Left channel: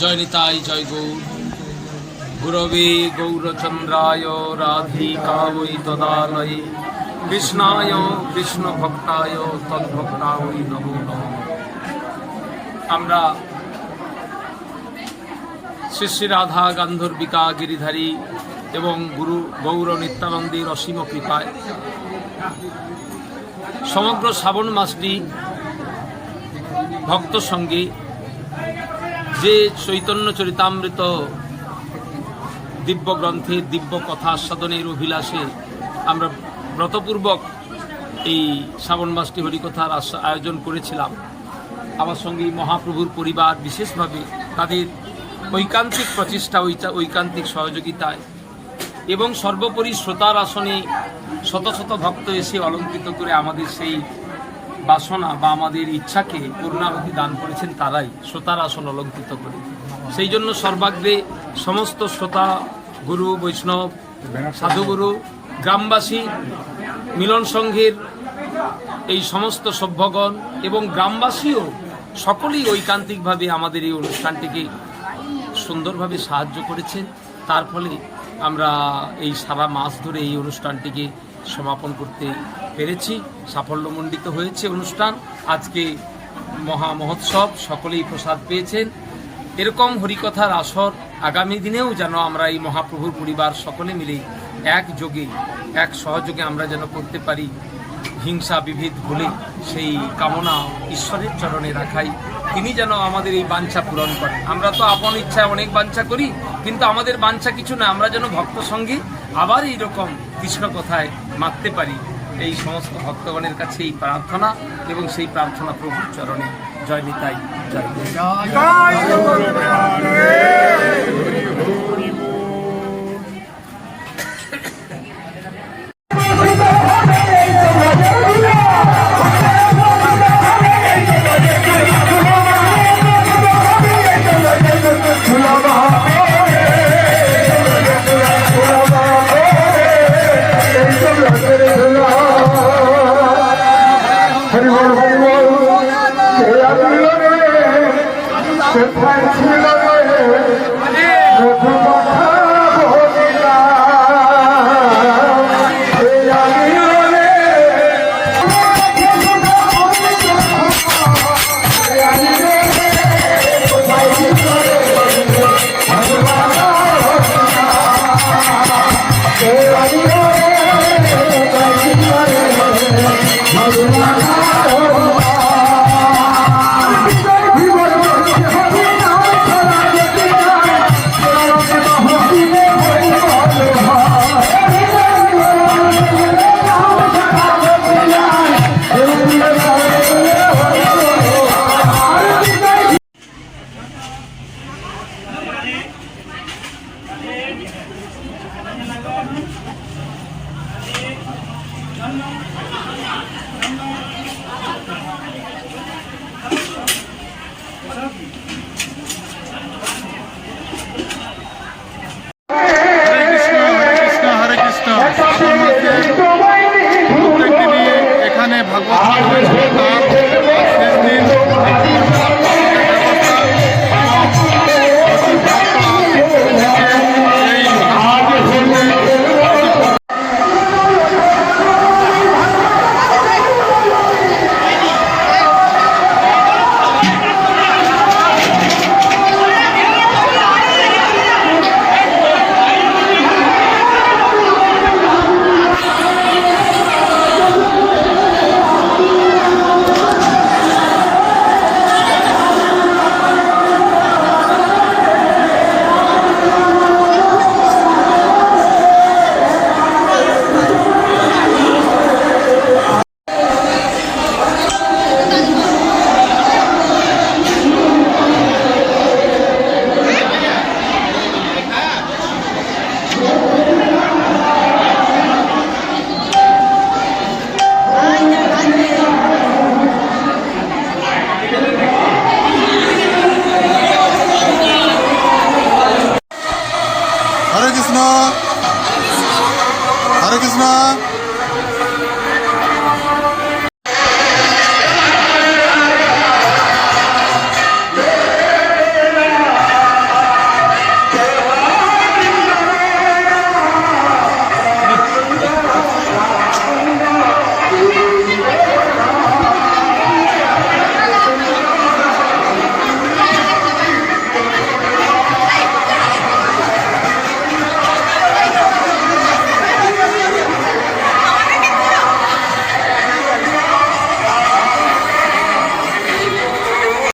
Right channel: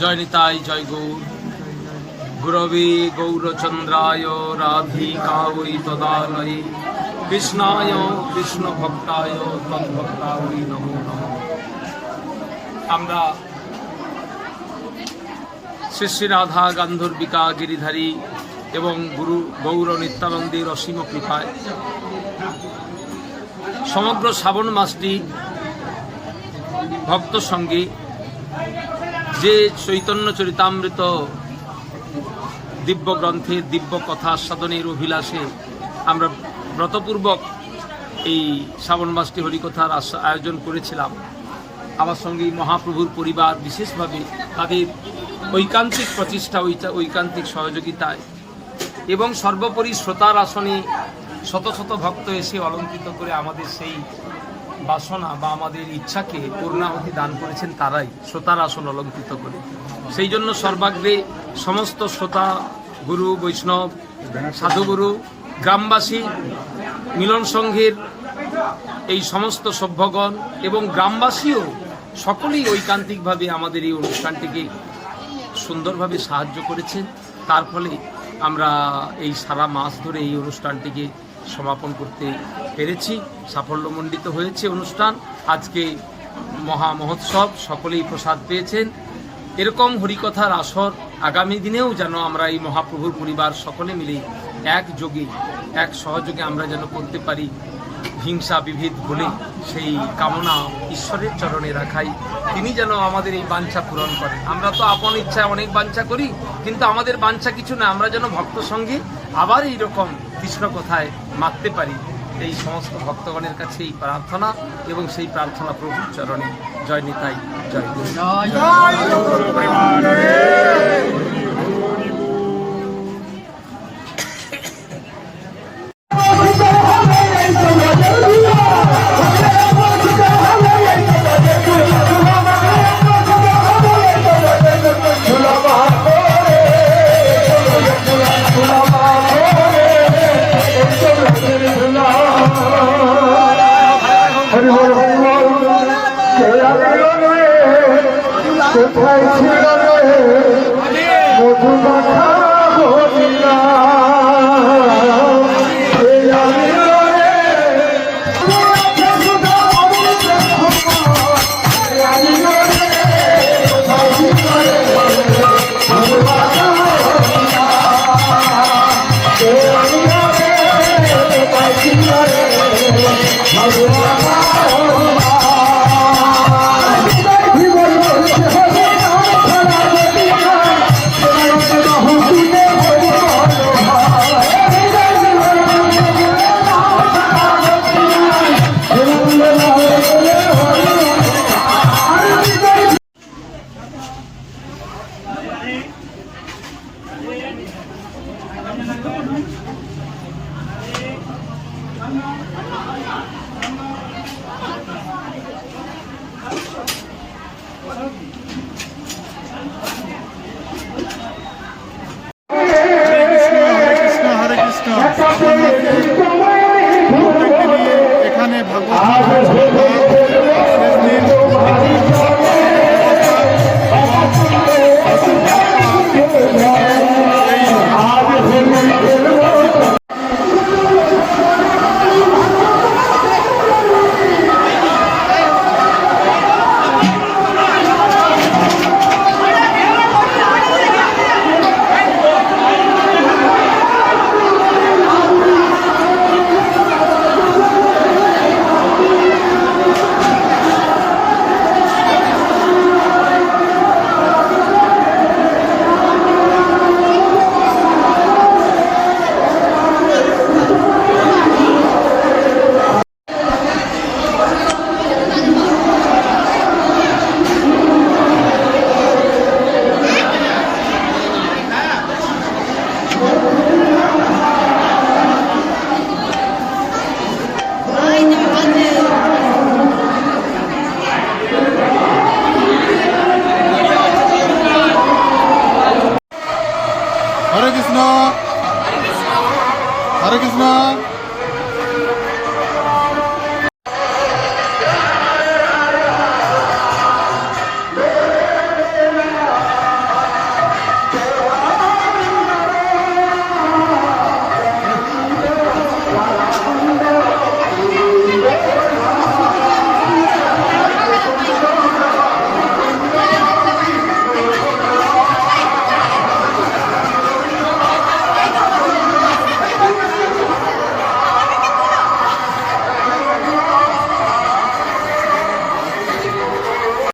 জয় নিতাই, জয় গৌর। গুরবে গৌরচন্দ্রায় রাধিকাবৈ তদালয়ে কৃষ্ণায় কৃষ্ণভক্তায় তদ্ভক্তায় নমো নমঃ। আমরা শ্রী শ্রী রাধা গান্ধর্বিকা গিরিধারী এবং গুরু গৌর নিত্যানন্দের অসীম কৃপায় সমগ্র শ্রাবণ মাসটি ভক্ত সঙ্গে যে চৈতন্য চরিতামৃত দিব্য গ্রন্থের দিব্য কথা আস্বাদনের অভিলাষে আমরা ব্রতপূর্বক এই শ্রাবণ মাসটি হরিকথার আয়োজন করেছিলাম। আমার সঙ্গে মহাপ্রভুর পরিবার বিশেষভাবে তাদের ঐকান্তিক প্রচেষ্টা, ঐকান্তিক সহযোগিতায় এবং সর্বোপরি শ্রোতার আসনে শত শত ভক্ত এসে অলঙ্কৃত করে আমাদের সেই বাসনা বা আমাদের ইচ্ছাকে পূর্ণাহুতি দান করেছেন তারাই, শ্রোতার আসন অলঙ্কৃত করে। সেই জন্য সর্বাগ্রে সমস্ত শ্রোতা, গুরু বৈষ্ণব, সাধুগুরু, গ্রামবাসী, মিলন সংঘের এই সমস্ত সভ্যগণ এবং গ্রামবাসীও সকলেই ঐকান্তিকভাবে আমাদের এই অনুষ্ঠানটিকে সুন্দরভাবে সাহায্য করেছেন। তার ফলে আমরা এই সারা মাস ধরে এই অনুষ্ঠানটিকে সমাপন করতে পেরেছি। সাফল্যমণ্ডিত হয়েছে অনুষ্ঠান। আজকে মহা মহোৎসব, সকলেই প্রসাদ পেয়েছেন। এরকম হরিকথার আসর আগামী দিনেও যেন আমরা এই মহাপ্রভুর পরিবার সকলে মিলে একযোগে, এক সহযোগে আমরা যেন করতে পারি। হিংসা বিভেদ ভুলে সেই কামনা ঈশ্বরের চরণে রাখাই, তিনি যেন আমাদের এই বাঞ্ছা পূরণ করেন। আমরা তো আপন ইচ্ছায় অনেক বাঞ্ছা করি, কিন্তু আমাদের বাঞ্ছা কিছু না, আমরা যেন ভক্ত সঙ্গে আবার এইরকম কৃষ্ণ কথায় মাততে পারি। এই সমস্ত ভক্তগণের কাছে এই প্রার্থনা এবং সেই প্রার্থনা প্রভুর চরণে। জয় নিতাই, জয় গৌর। এখানে ভাগবত Hare Krishna, Hare Krishna.